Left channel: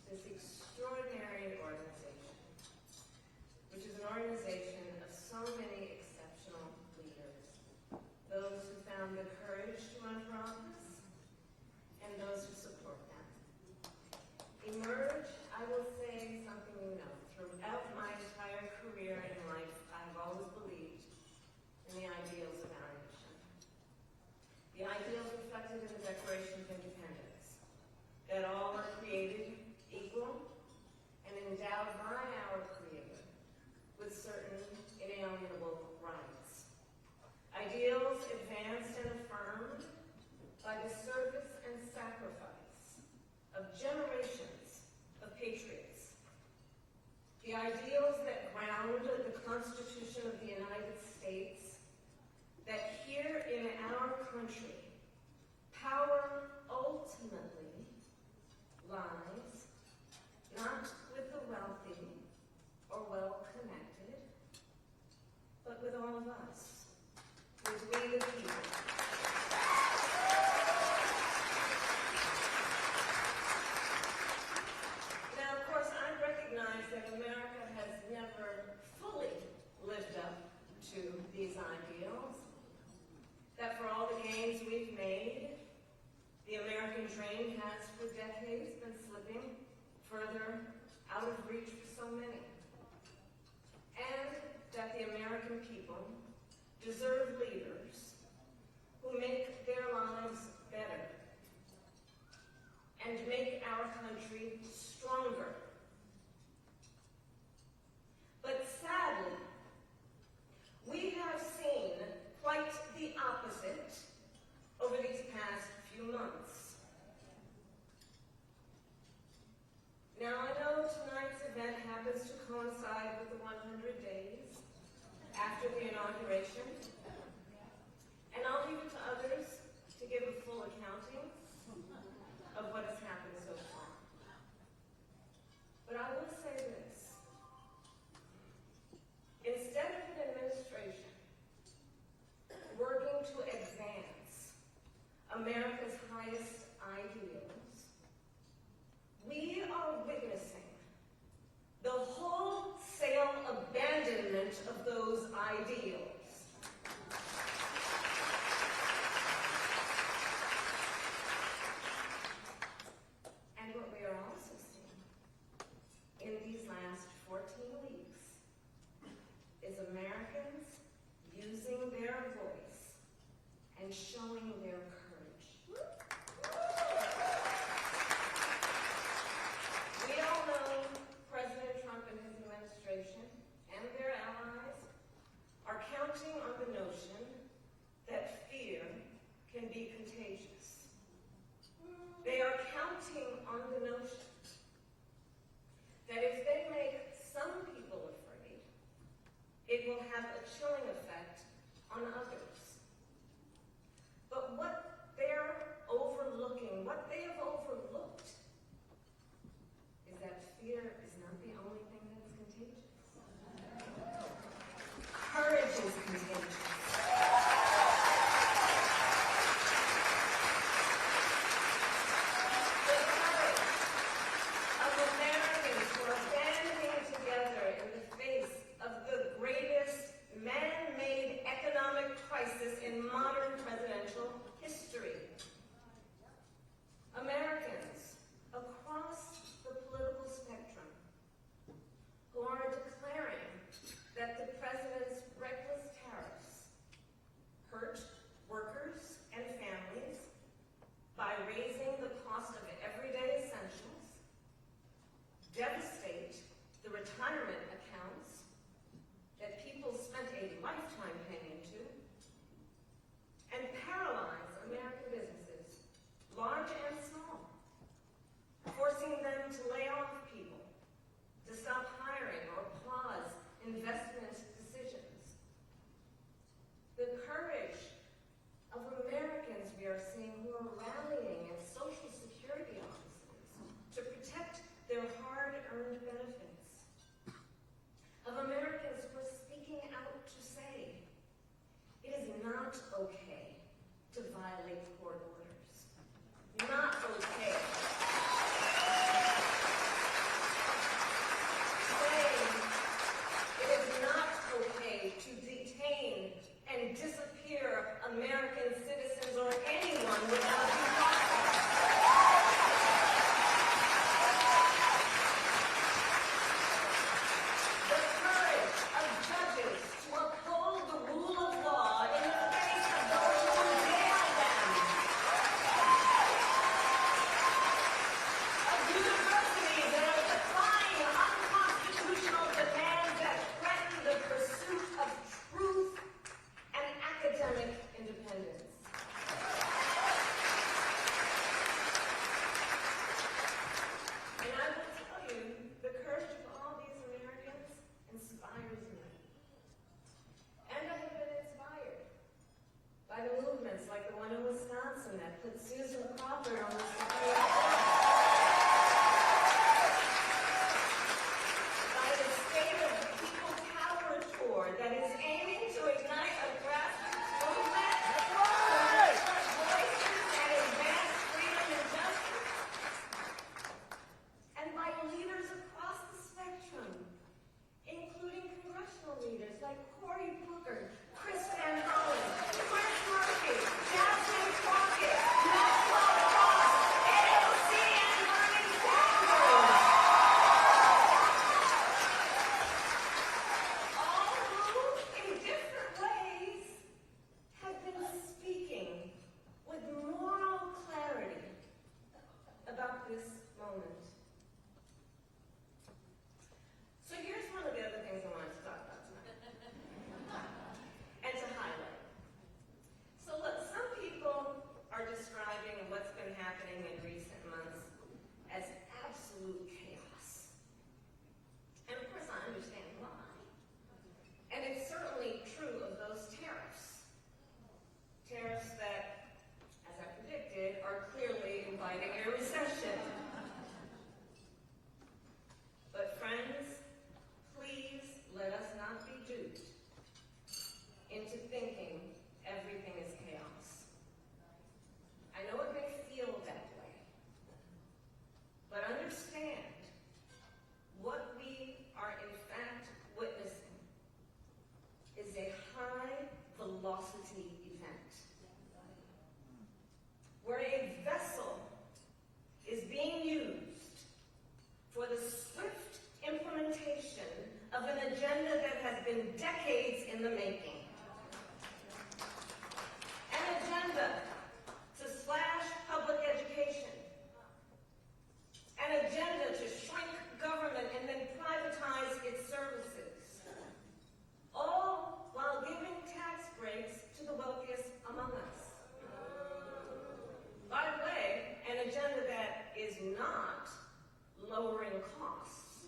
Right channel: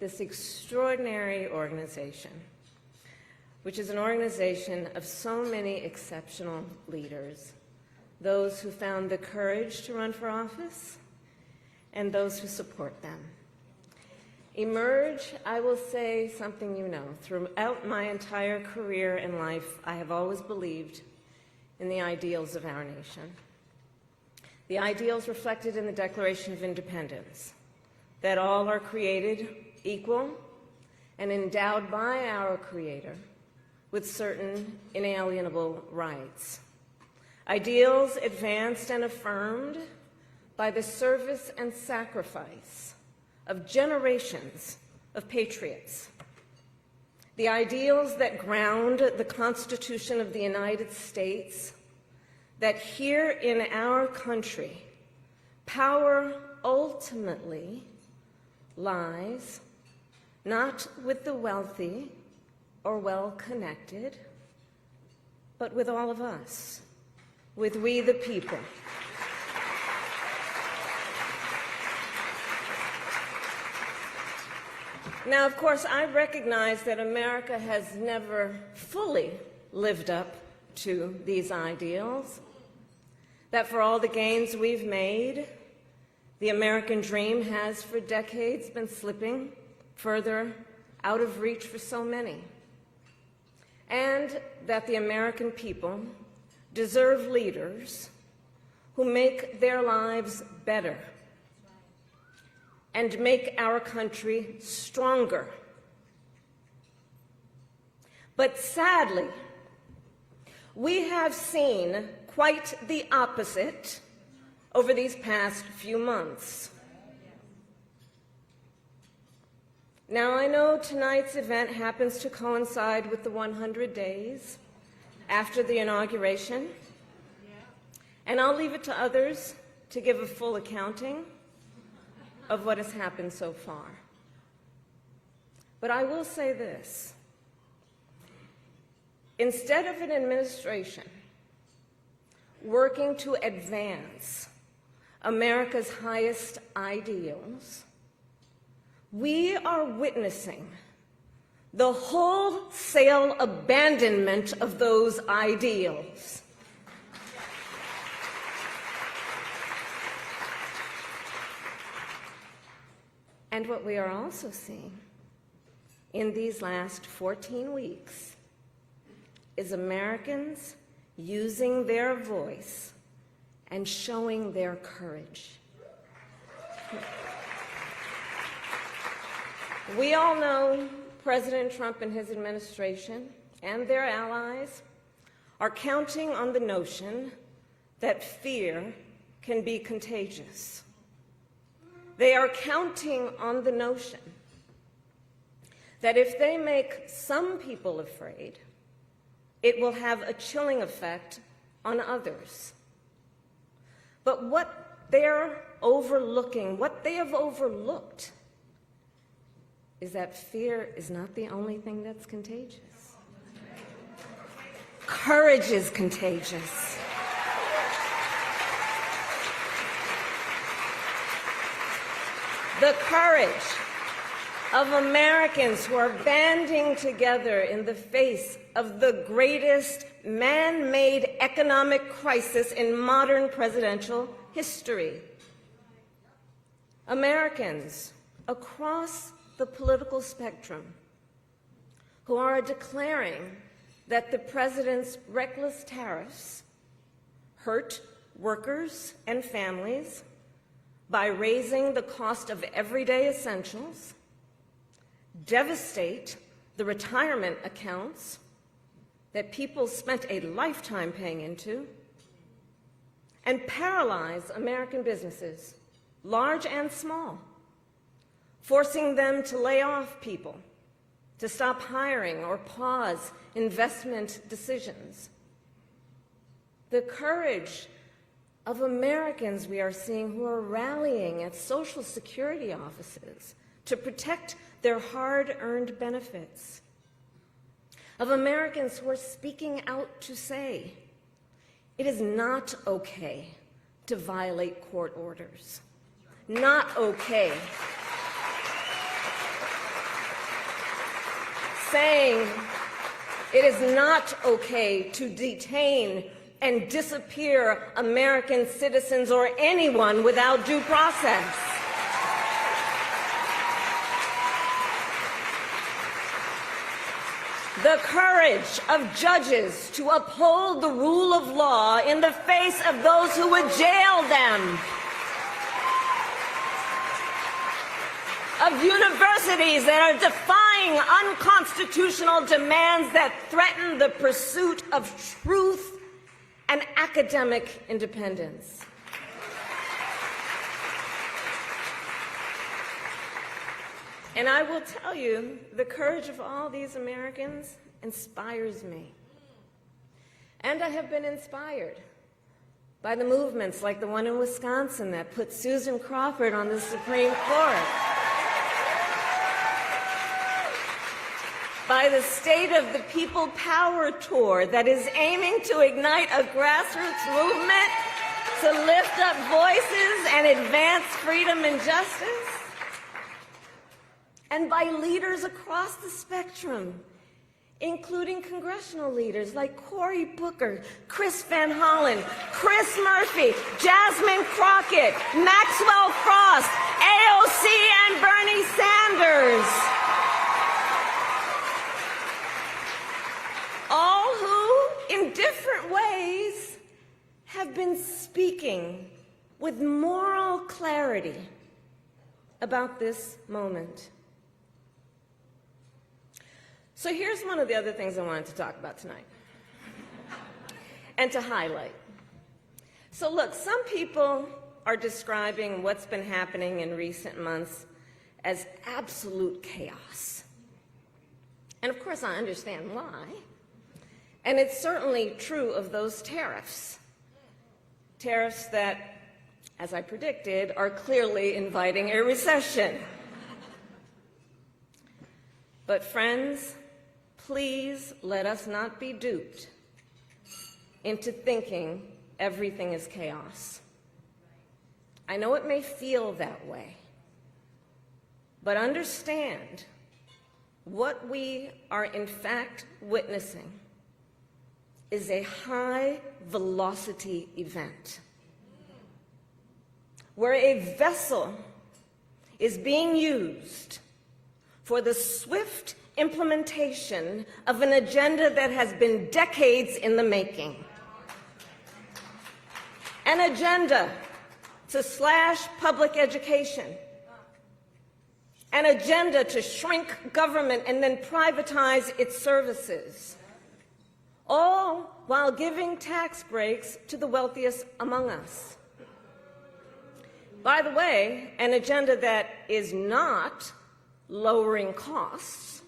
this extraordinary organization, which is an organization of so many exceptional leaders, those who found the courage to run for office and those who support them. Emerge, I will say something you know. Throughout my entire career and life, I have always believed in the ideals of our nation. The ideals reflected in the Declaration of Independence, that all are created equal and endowed by our Creator with certain inalienable rights. Ideals advanced and affirmed by the service and sacrifice of generations of patriots. The ideals that ground the Constitution of the United States, that here in our country, power ultimately lies not with the wealthy or well-connected, but with all of us, with we the people. Now, of course, I recognize that America has never fully lived up to these ideals, that for all the gains we've made, the American dream has for decades been slipping further out of reach for so many, and that the American people deserve leaders who make their lives better and make our country stronger. But sadly, we have seen quite the opposite over these past few months. Now, I know tonight's event happens to coincide with the 100 days after the inauguration, and I'll leave it to others to give a full accounting of what has happened so far. But I will say this: instead of an administration working to advance America's highest ideals, we are witnessing the wholesale abandonment of those ideals. And what we are also seeing in these last 14 weeks is Americans using their voice and showing their courage. We all know President Trump and his administration and their allies are counting on the notion that fear can be contagious. They are counting on the notion that if they make some people afraid, it will have a chilling effect on others. But what they're overlooking, what they have overlooked, is that fear is not the only thing that's contagious. Courage is contagious. The courage of Americans who are banding together in the face of the greatest man-made economic crisis in modern presidential history. Americans across the political spectrum who are declaring that the president's reckless tariffs hurt workers and families by raising the cost of everyday essentials, devastate the retirement accounts that people spent a lifetime paying into, and paralyze American businesses, large and small, forcing them to lay off people, to stop hiring or pause investment decisions. The courage of Americans we are seeing who are rallying at Social Security offices to protect their hard-earned benefits. Of Americans who are speaking out to say, it is not okay to violate court orders. Not okay. saying it is not okay to detain and disappear American citizens or anyone without due process. The courage of judges to uphold the rule of law in the face of those who would jail them. Of universities that are defying unconstitutional demands that threaten the pursuit of truth and academic independence. And I will tell you, the courage of all these Americans inspires me. And I have been inspired by the movements like the one in Wisconsin that put Susan Crawford on the Supreme Court, by the State of the People Power Tour that is aiming to ignite a grassroots movement to lift up voices and advance freedom and justice, and by leaders across the spectrum, including congressional leaders like Cory Booker, Chris Van Hollen, Chris Murphy, Jasmine Crockett, Maxwell Frost, AOC, and Bernie Sanders. All who, in different ways, have been speaking with moral clarity about this moment. So here's one of the other things I wanted to talk about tonight and to highlight. So look, some people are describing what's been happening in recent months as absolute chaos. And of course, I understand why. And it's certainly true of those tariffs. Tariffs that, as I predicted, are clearly inviting a recession. But friends, please let us not be duped into thinking everything is chaos. I know it may feel that way, but understand what we are in fact witnessing is a high-velocity event where a vessel is being used for the swift implementation of an agenda that has been decades in the making. An agenda to slash public education. An agenda to shrink government and then privatize its services. All while giving tax breaks to the wealthiest among us. By the way, an agenda that is not lowering costs,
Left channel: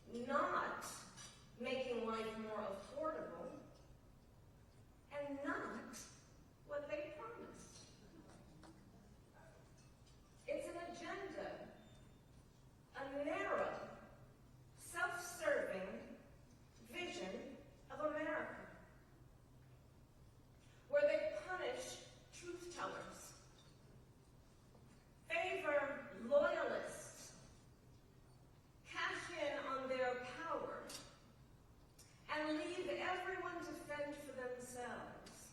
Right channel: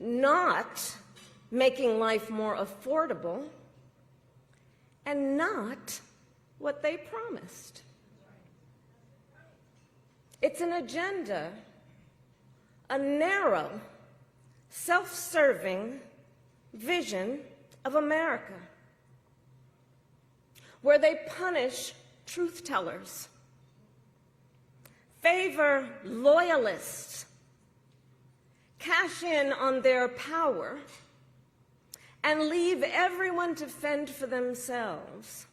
not making life more affordable, and not what they promised. It's an agenda, a narrow, self-serving vision of America, where they punish truth tellers, favor loyalists, cash in on their power, and leave everyone to fend for themselves,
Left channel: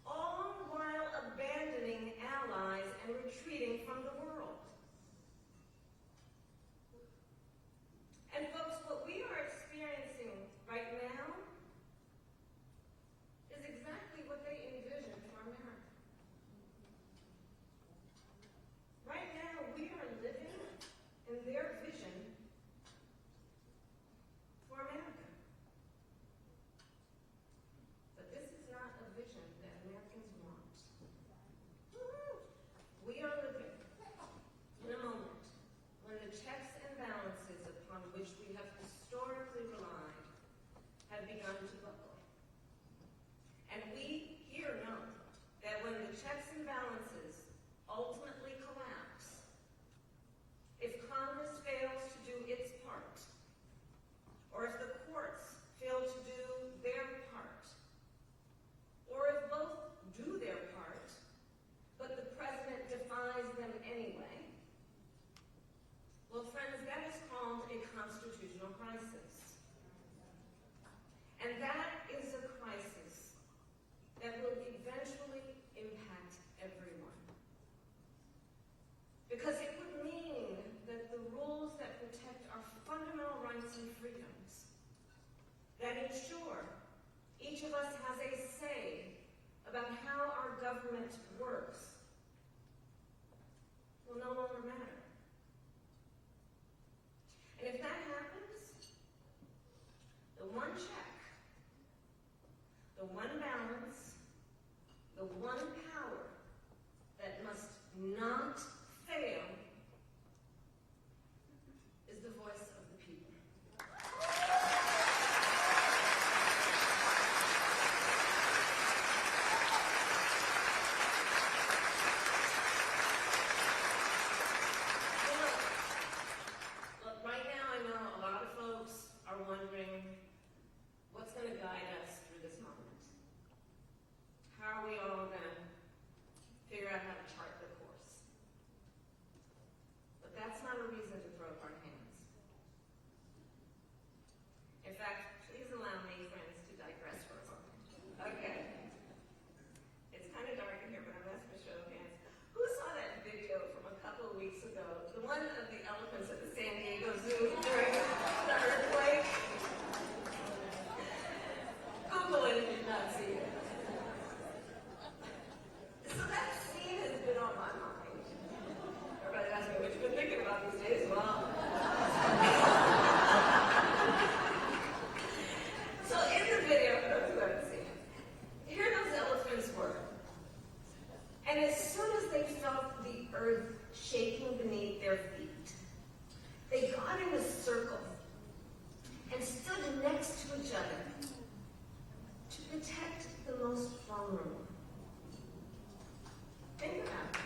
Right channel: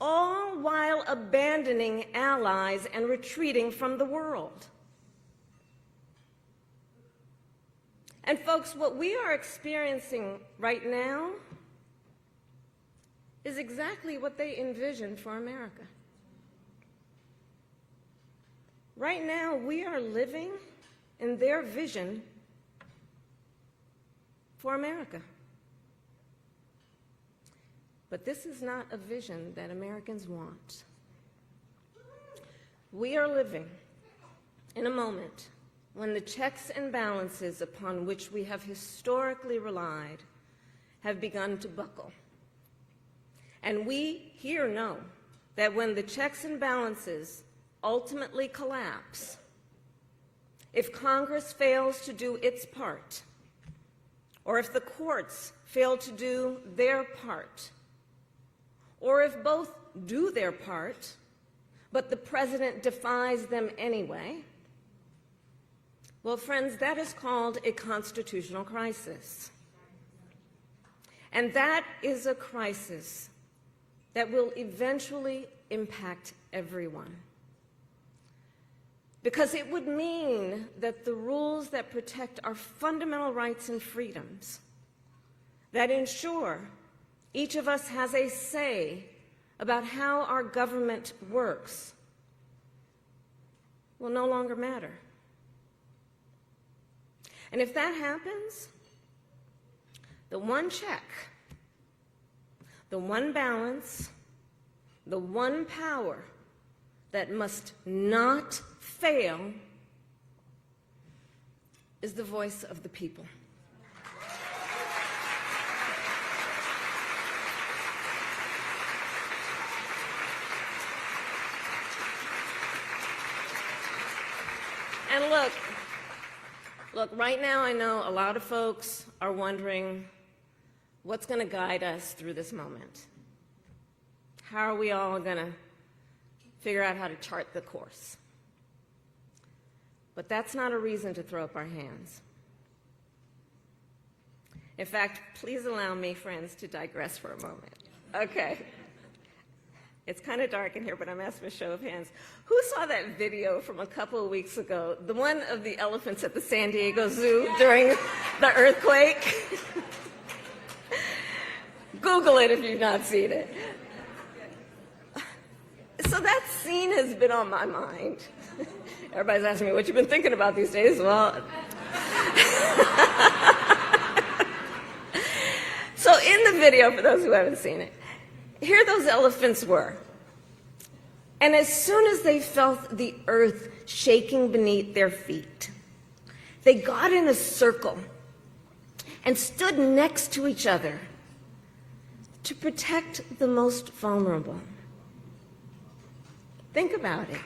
all while abandoning allies and retreating from the world. And folks, what we are experiencing right now is exactly what they envisioned for America. Right now, we are living in their vision for America. But this is not a vision that Americans want. We are living in a moment when the checks and balances upon which we have historically relied have begun to buckle. And we here know that when the checks and balances ultimately collapse, if Congress fails to do its part, or if the courts fail to do their part, or if both do their part, but the president defies them anyway, Well, friends, that is called a constitutional crisis. And that is a crisis that will eventually impact everyone. Because it would mean that the rules that protect our fundamental rights and freedoms, that ensure each of us has a say about how our government works, will no longer matter. And if that happens, the one check, the one balance, the one power that must not fail is the voice of the people. And look, right now I know a lot of folks are wondering what's going to guide us through this moment. How are we all going to figure out how to chart the course? But that's not a reason to throw up our hands. In fact, please allow me, friends, to digress for a moment. Okay. It's kind of dark in here, but I'm asking a show of hands. Who saw that video from a couple of weeks ago, the one of the elephants at the San Diego Zoo during the earthquake? Google it if you've not seen it. So that scene has been on my mind. Everybody's asking me, what you've been thinking about these days? Well, so in the video, for those who haven't seen it, here those elephants were. And as soon as they felt the earth shaking beneath their feet, they got in a circle and stood next to each other to protect the most vulnerable. Think about it.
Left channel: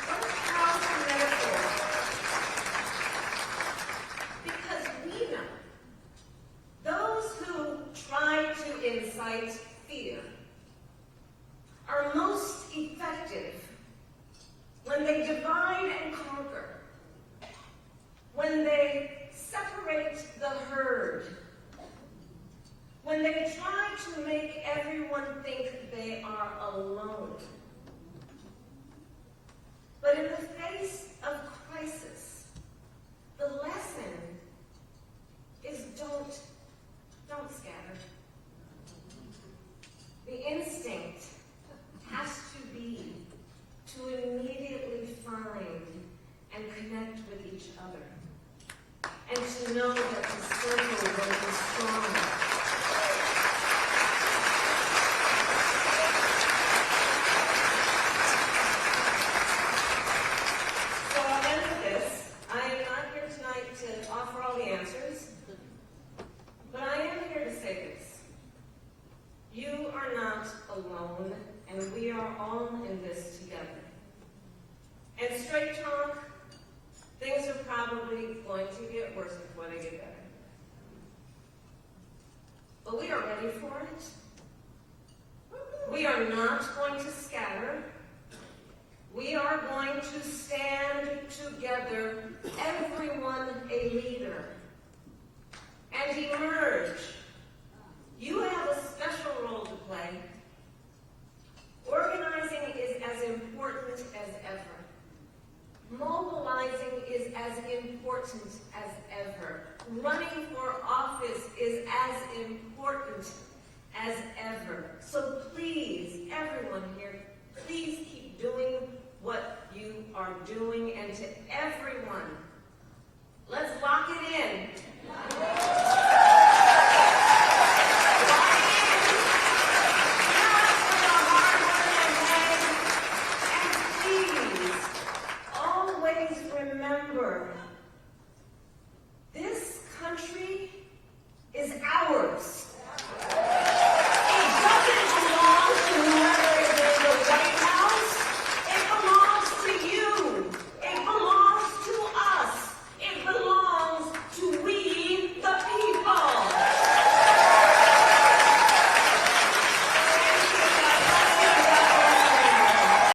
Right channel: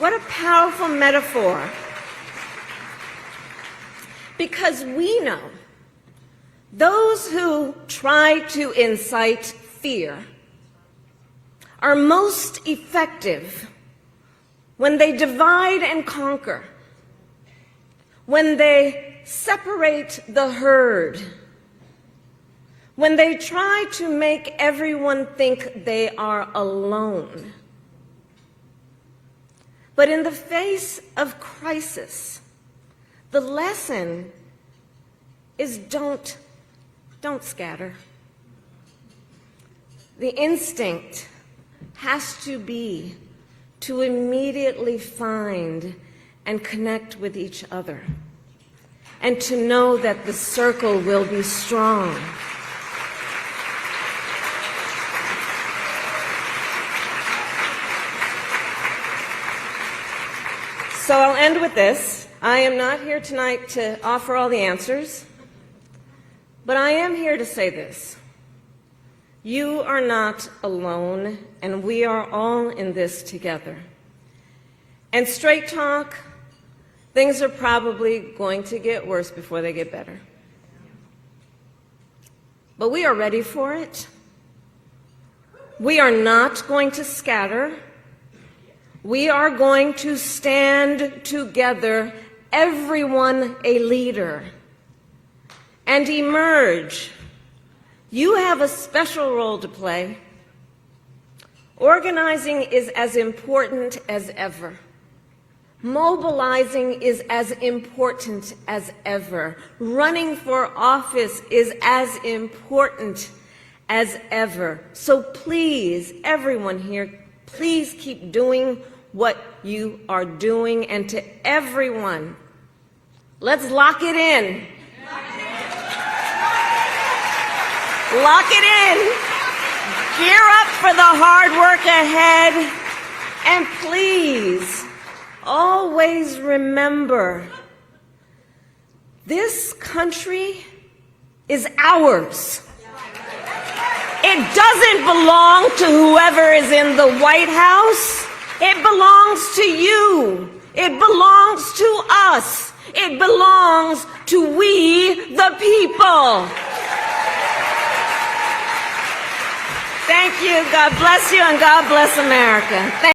What a powerful metaphor. Because we know those who try to incite fear are most effective when they divide and conquer, when they separate the herd, when they try to make everyone think they are alone. But in the face of crisis, the lesson is don't scatter. The instinct has to be to immediately find and connect with each other, and to know that the circle will be strong. So I'll end with this. I am not here tonight to offer all the answers, but I am here to say this. You are not alone, and we are all in this together. And straight talk, things are probably going to get worse before they get better. But we are ready for it. We are not going to scatter. We are going to stand together, everyone a leader, and emerge. You have a special role to play. Organizing is as important as ever. Mobilizing is as important as ever. Running for office is as important as ever. So please, everyone here, please keep doing what you are doing. And to everyone, let's lock it in. Lock it in. Gear up for the hard work ahead. And please, always remember, this country is ours. It doesn't belong to whoever is in the White House. It belongs to you. It belongs to us. It belongs to we, the people. Thank you. God bless you, and God bless America.